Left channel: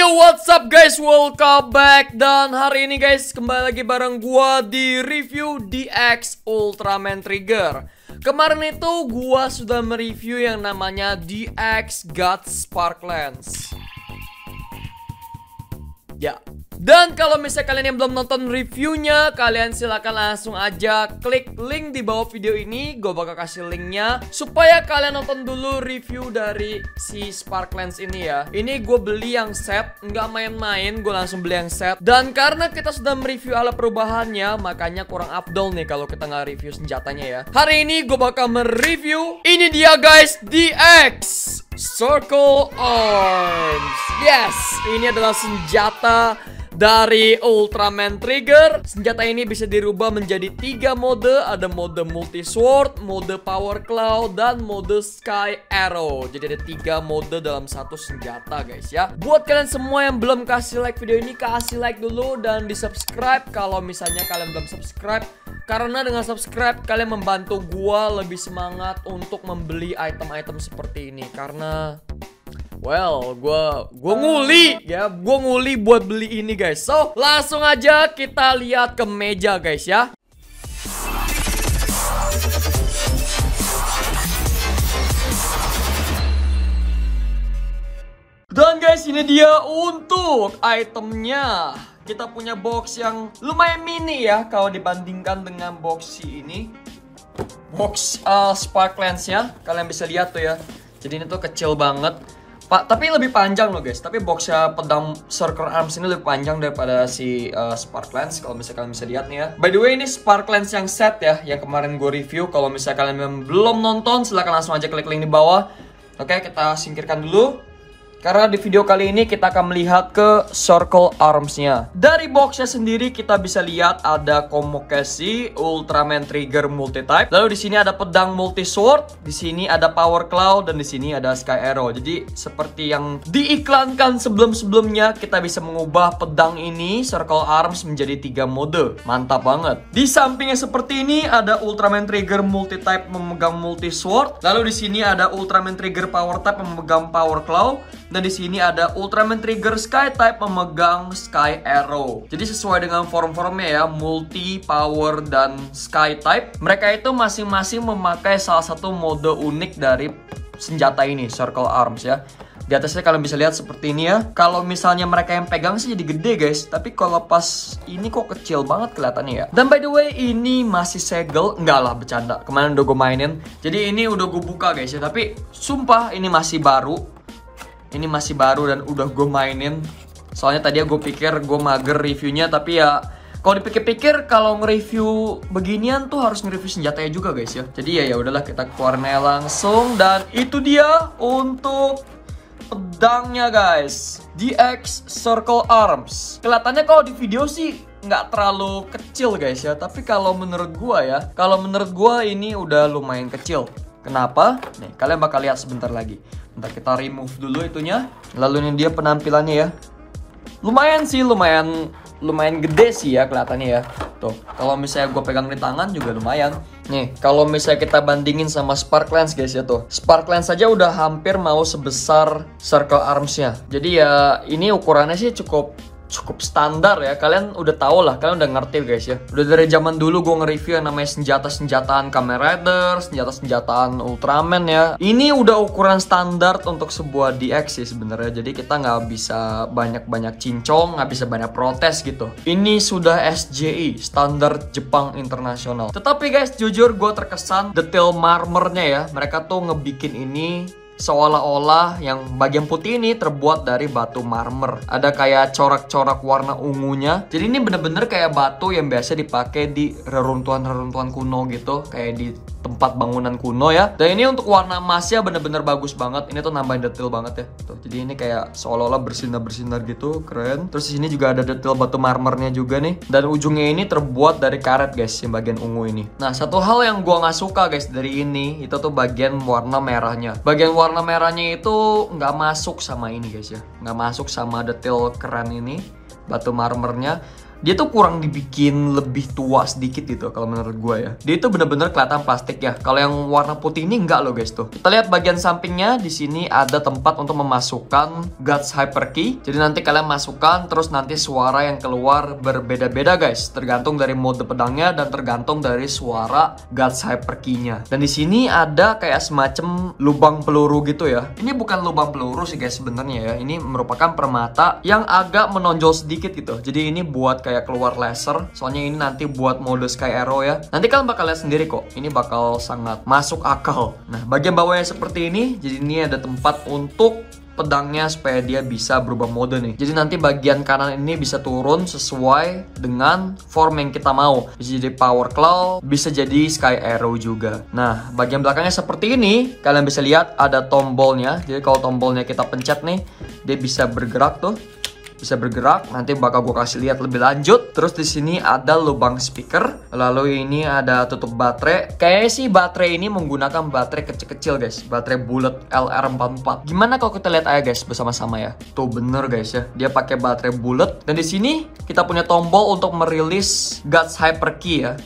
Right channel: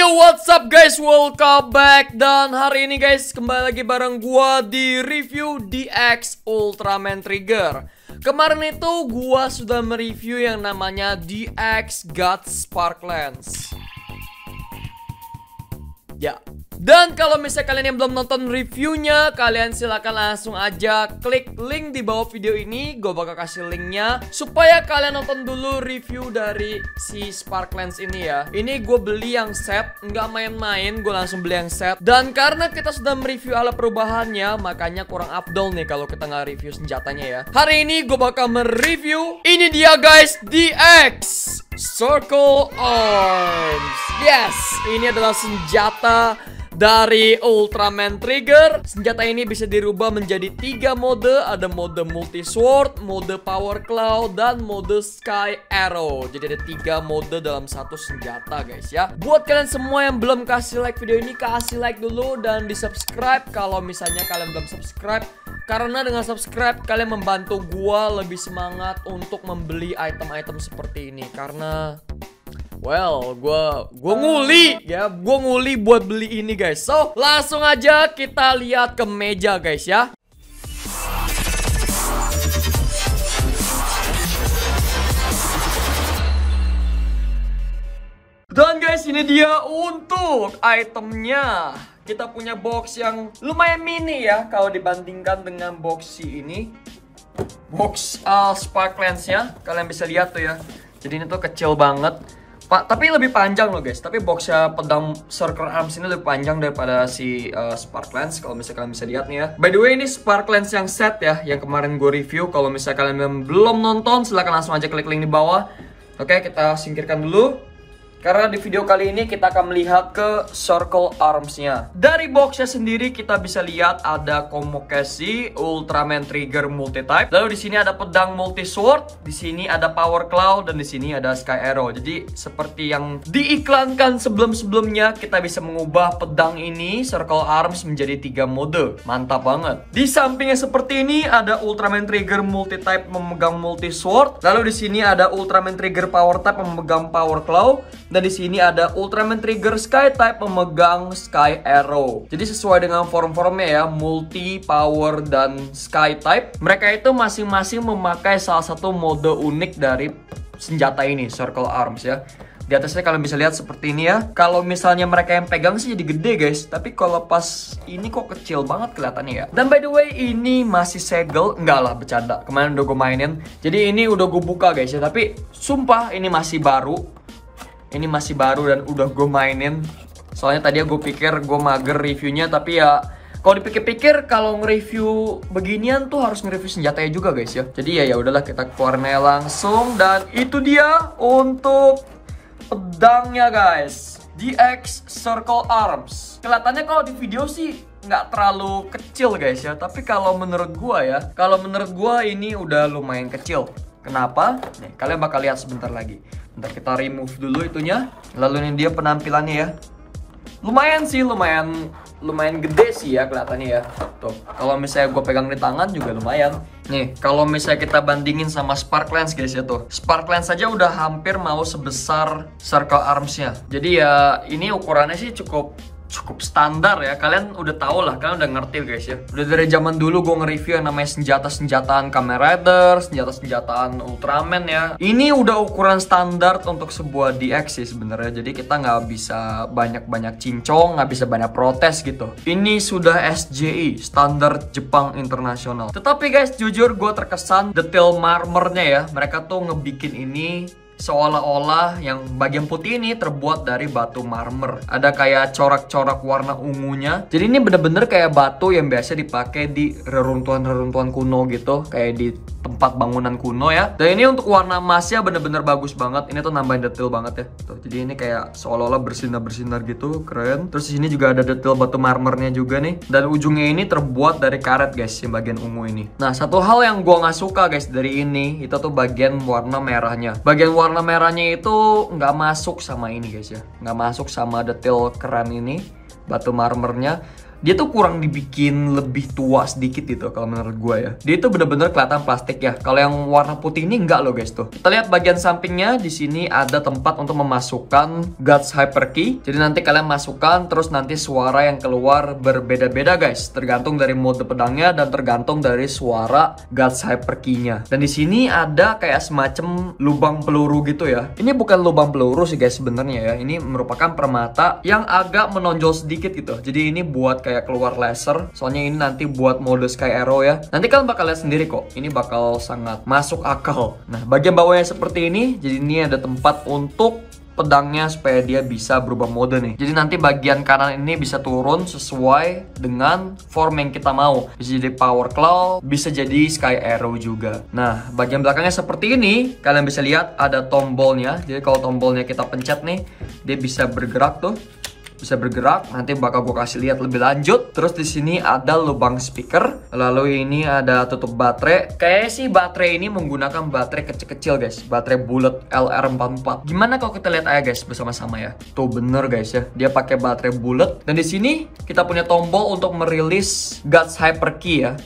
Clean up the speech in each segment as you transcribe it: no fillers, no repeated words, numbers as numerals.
Yo, what's up guys, welcome back. Dan hari ini guys, kembali lagi bareng gua di review DX Ultraman Trigger. Kemarin itu gua sudah mereview yang namanya DX God Sparklance. Ya. Dan kalau misalnya kalian yang belum nonton reviewnya, kalian silahkan langsung aja klik link di bawah video ini. Gue bakal kasih linknya supaya kalian nonton dulu review dari si Sparklance ini ya. Ini gue beli yang set, nggak main-main, gue langsung beli yang set. Dan karena kita sudah mereview alat perubahannya, makanya kurang afdol nih kalau kita nggak review senjatanya ya. Hari ini gue bakal mereview ini dia guys, DX Circle Arms. Yes, ini adalah senjata dari Ultraman Trigger. Senjata ini bisa dirubah menjadi 3 mode. Ada mode multi sword, mode power claw, dan mode sky arrow. Jadi ada 3 mode dalam satu senjata guys ya. Buat kalian semua yang belum kasih like video ini, kasih like dulu dan di subscribe kalau misalnya kalian belum subscribe. Karena dengan subscribe kalian membantu gua lebih semangat untuk membeli item-item seperti ini. Karena well, gua nguli ya, gua nguli buat beli ini guys. So, langsung aja kita lihat ke meja guys ya. Dan guys, ini dia untuk itemnya. Kita punya box yang lumayan mini ya kalau dibandingkan dengan box si ini. Box Sparklance ya. Kalian bisa lihat tuh ya. Jadi ini tuh kecil banget. Tapi lebih panjang loh guys. Tapi boxnya pedang Circle Arms ini lebih panjang daripada si Sparklance. Kalau misalnya kalian bisa lihat nih ya. By the way, ini Sparklance yang set ya, yang kemarin gue review. Kalau misalnya kalian belum nonton, silahkan langsung aja klik link di bawah. Oke, kita singkirkan dulu. Karena di video kali ini kita akan melihat ke Circle Arms-nya. Dari boxnya sendiri kita bisa lihat ada Komokashi Ultraman Trigger Multi-Type. Lalu di sini ada pedang multi sword, di sini ada power claw, dan di sini ada sky arrow. Jadi seperti yang diiklankan sebelum-sebelumnya, kita bisa mengubah pedang ini Circle Arms menjadi 3 mode. Mantap banget. Di sampingnya seperti ini ada Ultraman Trigger Multi-Type memegang multi sword. Lalu di sini ada Ultraman Trigger Power Type memegang power claw. Dan di sini ada Ultraman Trigger Sky Type memegang Sky Arrow. Jadi sesuai dengan form-formnya ya, multi, power, dan Sky Type. Mereka itu masing-masing memakai salah satu mode unik dari senjata ini, Circle Arms ya. Di atasnya kalian bisa lihat seperti ini ya. Kalau misalnya mereka yang pegang sih jadi gede guys. Tapi kalau pas ini kok kecil banget kelihatannya ya. Dan by the way, ini masih segel. Enggak lah, bercanda. Kemarin udah gue mainin. Jadi ini udah gue buka guys ya. Tapi sumpah ini masih baru. Ini masih baru dan udah gue mainin. Soalnya tadi gue pikir gue mager reviewnya, tapi ya kalau dipikir-pikir kalau nge-review beginian tuh harus nge-review senjatanya juga guys ya. Jadi ya udahlah, kita keluarin langsung. Dan itu dia untuk pedangnya guys, DX Circle Arms. Kelihatannya kalau di video sih nggak terlalu kecil guys ya. Tapi kalau menurut gue ya, ini udah lumayan kecil. Kenapa? Nih, kalian bakal lihat sebentar lagi. Bentar, kita remove dulu itunya. Lalu ini dia penampilannya ya. Lumayan sih, lumayan gede sih ya kelihatannya ya. Tuh, kalau misalnya gue pegang di tangan juga lumayan. Nih, kalau misalnya kita bandingin sama Sparklance guys ya tuh. Sparklance saja udah hampir mau sebesar Circle Arms-nya. Jadi ya ini ukurannya sih cukup standar ya. Kalian udah tau lah, kalian udah ngerti guys ya. Udah dari zaman dulu gue nge-review yang namanya senjata-senjataan Kamen Rider, senjata-senjataan Ultraman ya. Ini udah ukuran standar untuk sebuah DX sih sebenarnya. Jadi kita nggak bisa banyak-banyak cincong, nggak bisa banyak protes gitu. Ini sudah SJI, standar Jepang internasional. Tetapi guys, jujur gue terkesan detail marmernya ya. Mereka tuh ngebikin ini seolah-olah yang bagian putih ini terbuat dari batu marmer. Ada kayak corak-corak warna ungunya. Jadi ini bener-bener kayak batu yang biasa dipakai di reruntuhan-reruntuhan kuno gitu. Kayak di tempat bangunan kuno ya. Dan ini untuk warna emasnya bener-bener bagus banget. Ini tuh nambahin detail banget ya. Tuh, jadi ini kayak seolah-olah bersinar-bersinar gitu. Keren. Terus di sini juga ada detail batu marmernya juga nih. Dan ujungnya ini terbuat dari karet guys, yang bagian ungu ini. Nah, satu hal yang gua nggak suka guys dari ini, itu tuh bagian warna merahnya. Bagian warna merahnya itu nggak masuk sama ini guys ya, nggak masuk sama detail keren ini. batu marmernya. Dia tuh kurang dibikin lebih tua sedikit gitu kalau menurut gue ya. Dia itu bener-bener kelihatan plastik ya. Kalau yang warna putih ini enggak loh guys tuh. Kita lihat bagian sampingnya, di sini ada tempat untuk memasukkan Guts Hyperkey. Jadi nanti kalian masukkan, terus nanti suara yang keluar berbeda-beda guys. Tergantung dari mode pedangnya dan tergantung dari suara Guts Hyperkey-nya. Dan di sini ada kayak semacam lubang peluru gitu ya. Ini bukan lubang peluru sih guys sebenarnya ya. Ini merupakan permata yang agak menonjol sedikit gitu. Jadi ini buat kayak keluar laser, soalnya ini nanti buat mode Sky Arrow ya. Nanti kalian bakal lihat sendiri kok, ini bakal sangat masuk akal. Nah, bagian bawahnya seperti ini, jadi ini ada tempat untuk pedangnya supaya dia bisa berubah mode nih. Jadi nanti bagian kanan ini bisa turun sesuai dengan form yang kita mau. Bisa jadi Power Claw, bisa jadi Sky Arrow juga. Nah, bagian belakangnya seperti ini. Kalian bisa lihat ada tombolnya. Jadi kalau tombolnya kita pencet nih, dia bisa bergerak tuh. Bisa bergerak, nanti bakal gue kasih lihat lebih lanjut. Terus di sini ada lubang speaker, lalu ini ada tutup baterai. Kayaknya sih baterai ini menggunakan baterai kecil-kecil guys, baterai bullet LR44. Gimana kalau kita lihat aja guys bersama-sama ya. Tuh bener guys ya, dia pakai baterai bullet. Dan di sini kita punya tombol untuk merilis Guts Hyperkey ya.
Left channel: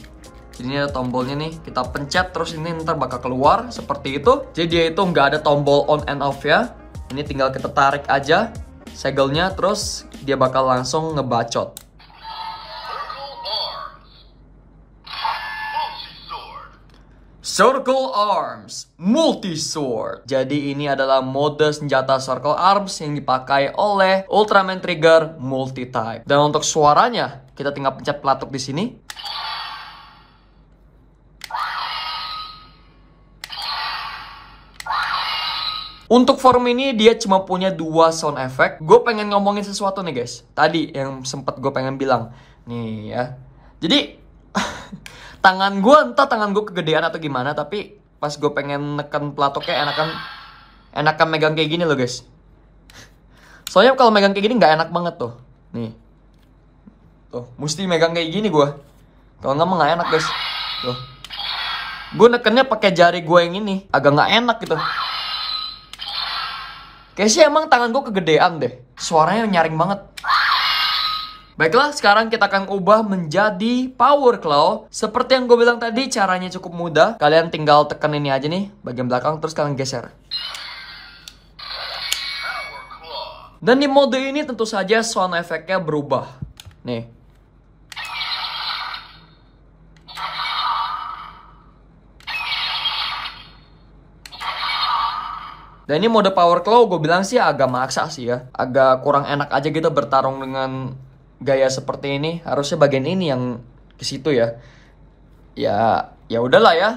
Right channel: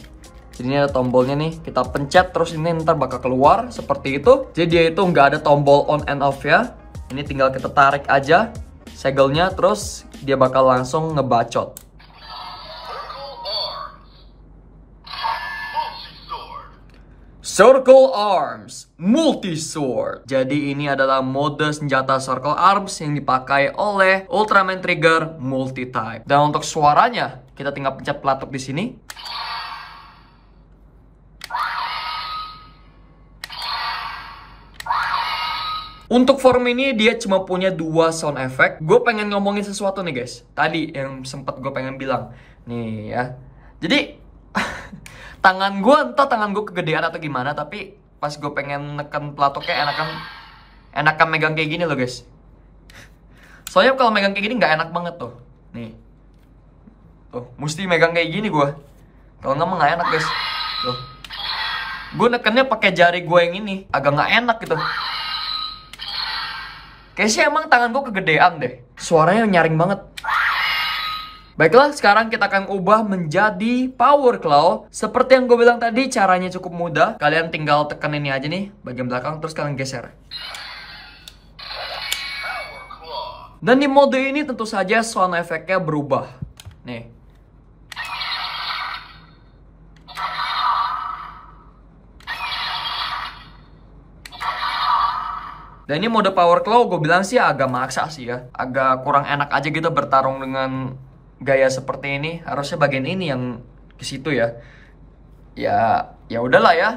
Jadi ini ada tombolnya nih, kita pencet terus ini ntar bakal keluar seperti itu. Jadi dia itu nggak ada tombol on and off ya. Ini tinggal kita tarik aja segelnya, terus dia bakal langsung ngebacot. Circle Arms Multi-Sword. Jadi ini adalah mode senjata Circle Arms yang dipakai oleh Ultraman Trigger Multi-Type. Dan untuk suaranya, kita tinggal pencet pelatuk di sini. Untuk form ini dia cuma punya 2 sound effect. Gue pengen ngomongin sesuatu nih guys. Tadi yang sempat gue pengen bilang. Nih ya. Jadi tangan gue entah tangan gue kegedean atau gimana. Tapi pas gue pengen neken pelatoknya enakan megang kayak gini loh guys. Soalnya kalau megang kayak gini nggak enak banget tuh. Nih. Tuh mesti megang kayak gini gue. Kalau nggak mah nggak enak guys. Tuh. Gue nekennya pakai jari gue yang ini. Agak nggak enak gitu. Kayaknya sih emang tangan gue kegedean deh. Suaranya nyaring banget. Baiklah, sekarang kita akan ubah menjadi Power Claw. Seperti yang gue bilang tadi, caranya cukup mudah. Kalian tinggal tekan ini aja nih, bagian belakang, terus kalian geser. Dan di mode ini tentu saja sound efeknya berubah. Nih. Dan ini mode Power Claw gue bilang sih agak maksa sih ya. Agak kurang enak aja gitu bertarung dengan gaya seperti ini. Harusnya bagian ini yang ke situ ya. Ya udahlah ya.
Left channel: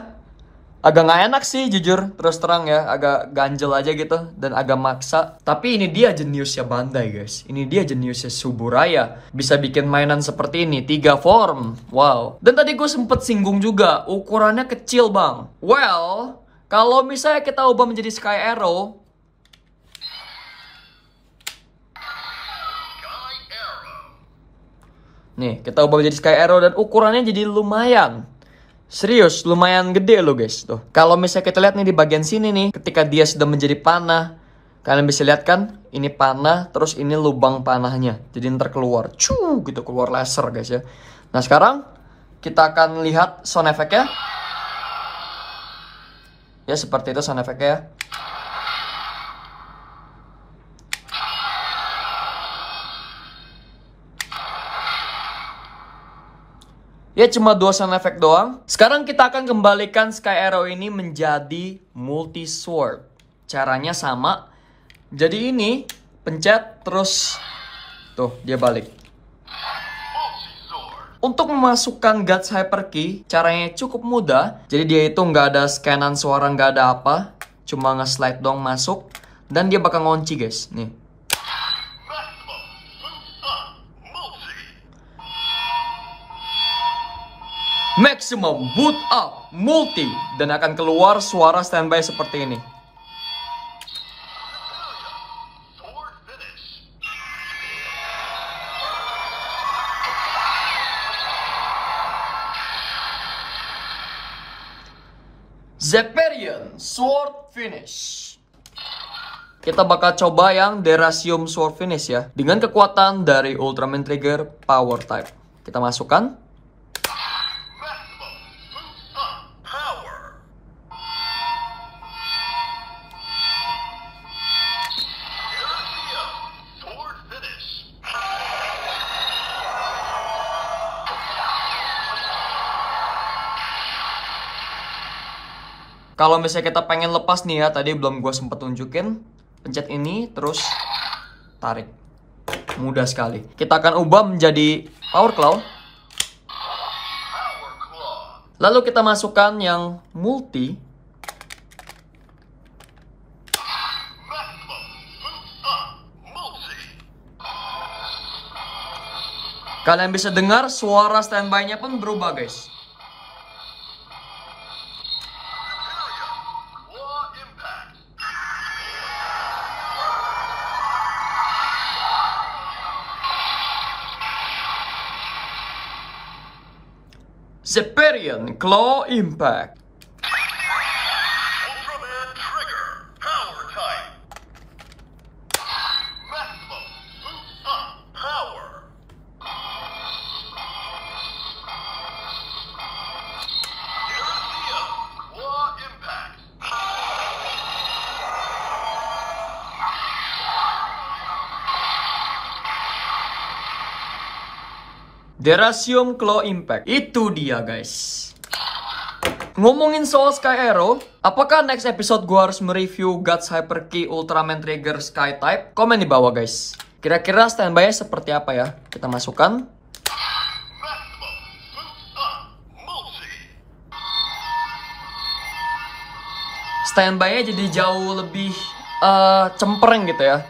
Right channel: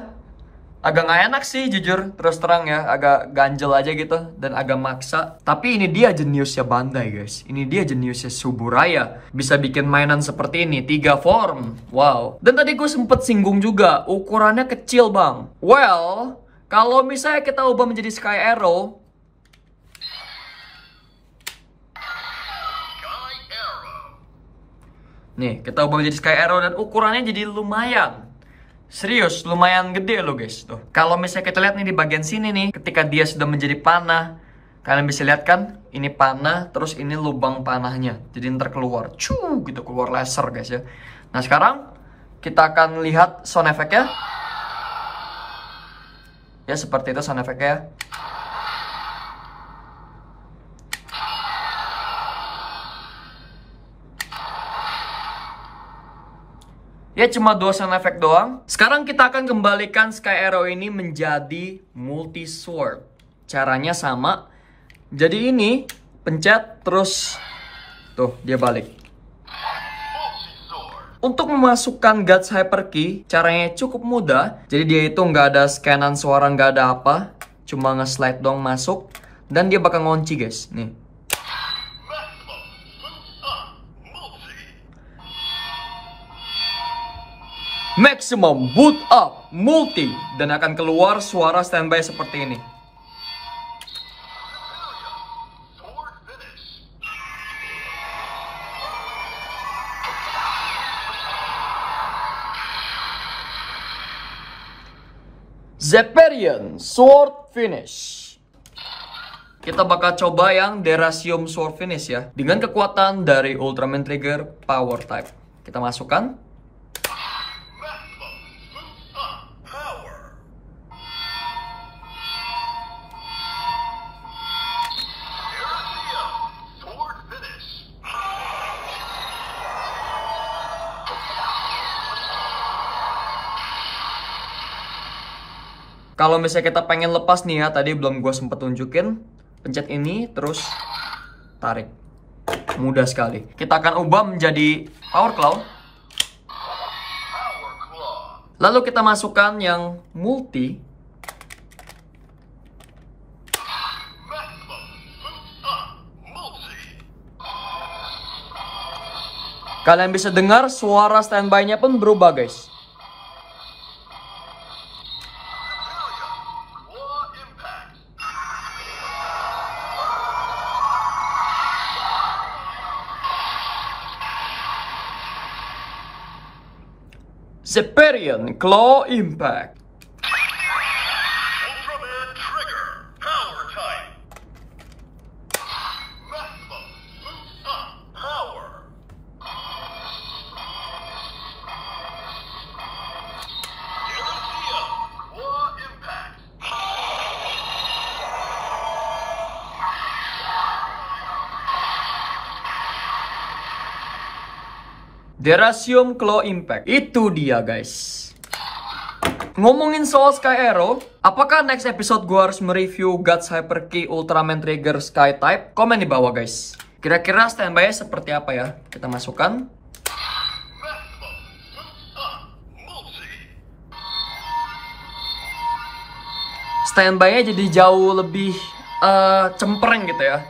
Agak nggak enak sih jujur, terus terang ya. Agak ganjel aja gitu dan agak maksa. Tapi ini dia jeniusnya Bandai guys. Ini dia jeniusnya Suburaya. Bisa bikin mainan seperti ini, 3 form. Wow. Dan tadi gue sempet singgung juga, ukurannya kecil bang. Well, kalau misalnya kita ubah menjadi Sky Arrow, nih kita ubah menjadi Sky Arrow dan ukurannya jadi lumayan. Serius, lumayan gede loh guys. Tuh. Kalau misalnya kita lihat nih di bagian sini nih, ketika dia sudah menjadi panah, kalian bisa lihat kan, ini panah, terus ini lubang panahnya. Jadi ntar keluar, gitu keluar laser guys ya. Nah sekarang kita akan lihat sound effect-nya. Ya seperti itu sound effect-nya. Ya cuma 2 sound effect doang. Sekarang kita akan kembalikan Sky Arrow ini menjadi multi-sword. Caranya sama. Jadi ini pencet terus tuh dia balik. Untuk memasukkan Guts Hyperkey, caranya cukup mudah. Jadi dia itu nggak ada scanan suara, nggak ada apa. Cuma nge-slide dong masuk. Dan dia bakal ngunci guys. Nih. Maximum Boot Up Multi. Dan akan keluar suara standby seperti ini. Zepperian Sword Finish. kita bakal coba yang Derasium Sword Finish ya, dengan kekuatan dari Ultraman Trigger Power Type. Kita masukkan. Kalau misalnya kita pengen lepas nih ya, tadi belum gue sempet tunjukin, pencet ini terus tarik. Mudah sekali. Kita akan ubah menjadi Power Claw. Lalu kita masukkan yang multi. Kalian bisa dengar suara standby-nya pun berubah guys. Zepperian Claw Impact. Ultraman Trigger Power Type. Maximum Boost Up Power. Derasium Claw Impact. Derasium Claw Impact. Itu dia guys. Ngomongin soal Sky Arrow, apakah next episode gue harus mereview Guts Hyper Key Ultraman Trigger Sky Type? Komen di bawah guys. Kira-kira standby-nya seperti apa ya? Kita masukkan. Standby-nya jadi jauh lebih cempreng gitu ya.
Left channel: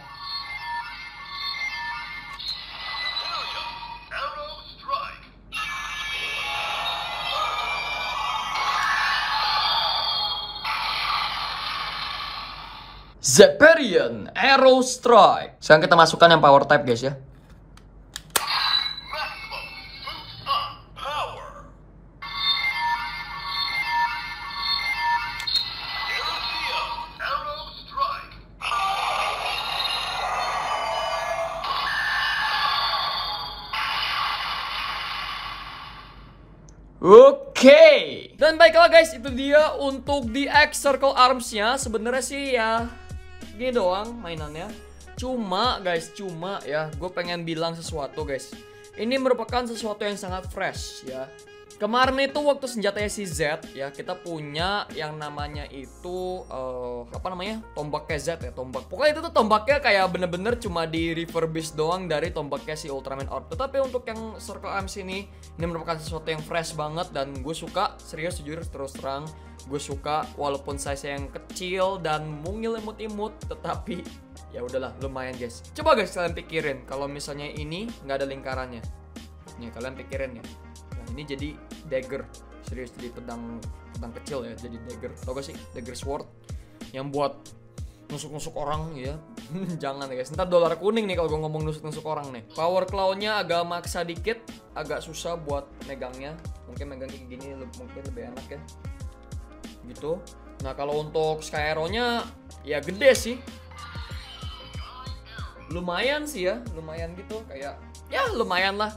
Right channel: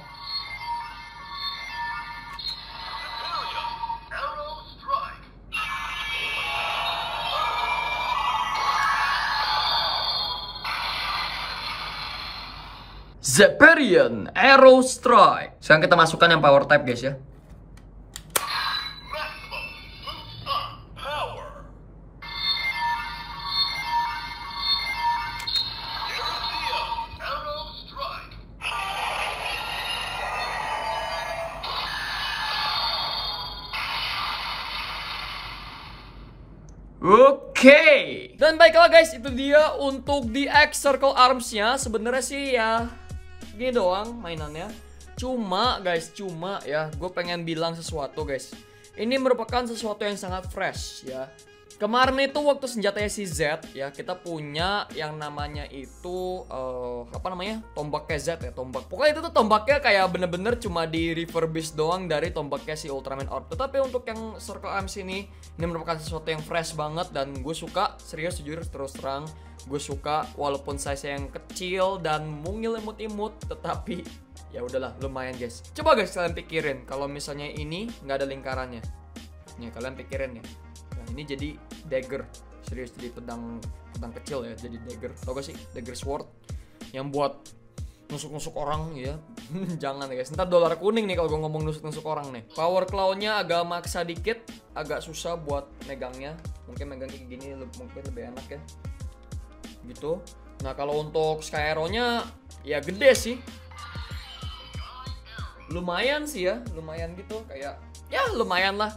Zepperian Arrow Strike. Sekarang kita masukkan yang Power Type guys ya. Oke. Dan baiklah guys, itu dia untuk di X Circle Arms-nya. Sebenarnya sih ya gini doang mainannya. Cuma ya, gue pengen bilang sesuatu guys. Ini merupakan sesuatu yang sangat fresh ya. Kemarin itu waktu senjatanya si Z ya, kita punya yang namanya itu apa namanya, tombaknya Z ya, tombak. Pokoknya itu tuh tombaknya kayak bener-bener cuma di refurbish doang dari tombaknya si Ultraman Orb. Tetapi untuk yang Circle Arms ini merupakan sesuatu yang fresh banget dan gue suka. Serius jujur terus terang, gue suka walaupun size yang kecil dan mungil imut-imut, tetapi ya udahlah lumayan guys. Coba guys kalian pikirin kalau misalnya ini nggak ada lingkarannya. Nih kalian pikirin ya. Ini jadi dagger, serius jadi pedang kecil ya, jadi dagger. Tau gak sih dagger sword yang buat nusuk-nusuk orang ya? Jangan ya guys, ntar dolar kuning nih kalau gue ngomong nusuk-nusuk orang nih. Power claw-nya agak maksa dikit, agak susah buat megangnya. Mungkin megang kayak gini mungkin lebih enak ya, gitu. Nah kalau untuk Sky Arrow-nya ya gede sih, lumayan sih ya, lumayan gitu, kayak ya lumayan lah.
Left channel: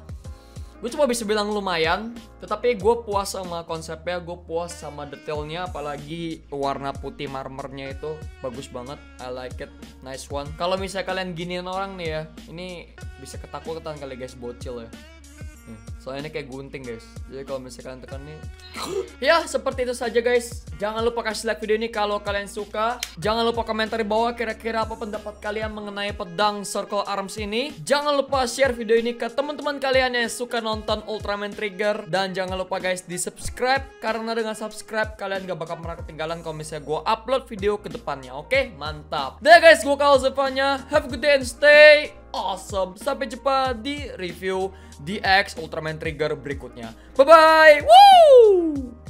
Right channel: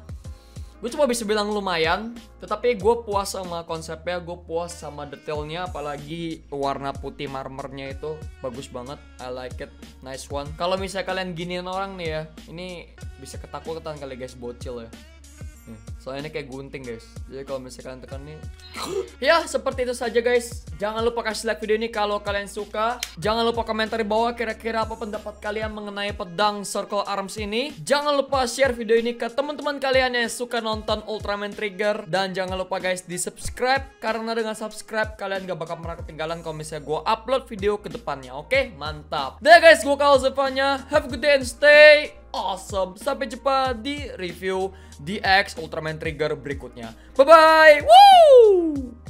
Gue cuma bisa bilang lumayan, tetapi gue puas sama konsepnya, gue puas sama detailnya, apalagi warna putih marmernya itu bagus banget. I like it, nice one. Kalau misalnya kalian giniin orang nih ya, ini bisa ketakutan kali guys, bocil ya. Soalnya ini kayak gunting guys, jadi kalau misalnya kalian tekan nih ya seperti itu saja guys. Jangan lupa kasih like video ini kalau kalian suka. Jangan lupa komentar di bawah kira-kira apa pendapat kalian mengenai pedang Circle Arms ini. Jangan lupa share video ini ke teman-teman kalian yang suka nonton Ultraman Trigger. Dan jangan lupa guys di subscribe, karena dengan subscribe kalian gak bakal pernah ketinggalan kalau misalnya gue upload video ke depannya. Oke, mantap. Dah guys, gue Kal Zevanya. Have a good day and stay awesome. Sampai jumpa di review DX Ultraman Trigger berikutnya. Bye bye. Woo!